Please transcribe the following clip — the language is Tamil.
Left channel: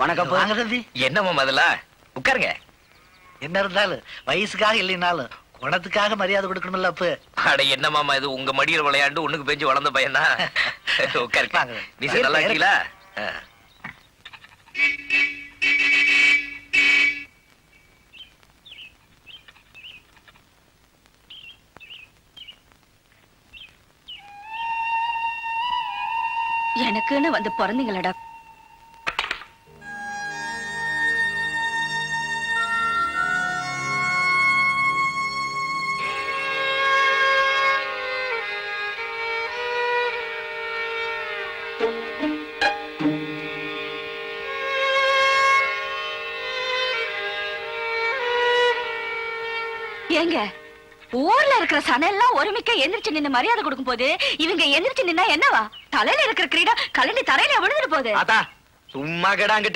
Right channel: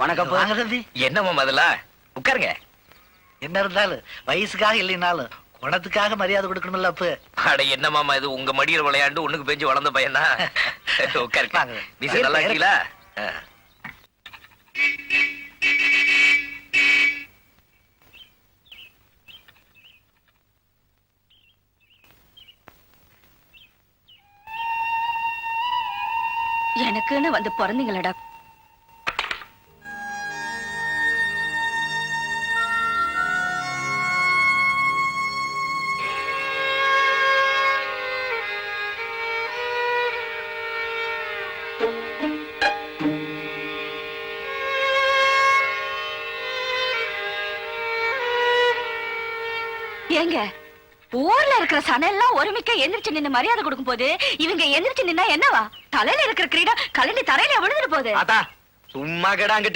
வணக்கம் வாங்க தம்பி. என்ன மாமா அதெல்லாம் உட்காருங்க. என்ன இருந்தாலும் வயசுக்காக இல்லைனாலும் குணத்துக்காக மரியாதை கொடுக்கணும்ல அப்ப. அட என்ன மாமா இது உங்க மடியில் விளையாண்டு ஒண்ணுக்கு பேஞ்சு வளர்ந்த பையனா? உட்காருங்க. நீ நல்லா இருக்கீங்களா? எனக்குன்னு வந்து பிறந்தீங்களடா. ஏங்க ஊர்ல இருக்கிற சனெல்லாம் ஒருமிக்க எந்திரிச்சு நின்னு மரியாதை கொடுக்கும் போது இவங்க எந்திரிச்சு நின்னா என்னவா? தலையில இருக்கிற கிரீடம் கலந்து தரையில விழுந்துட்டு போகுது. ஆத்தா சும்மா கிடாங்கிட்டு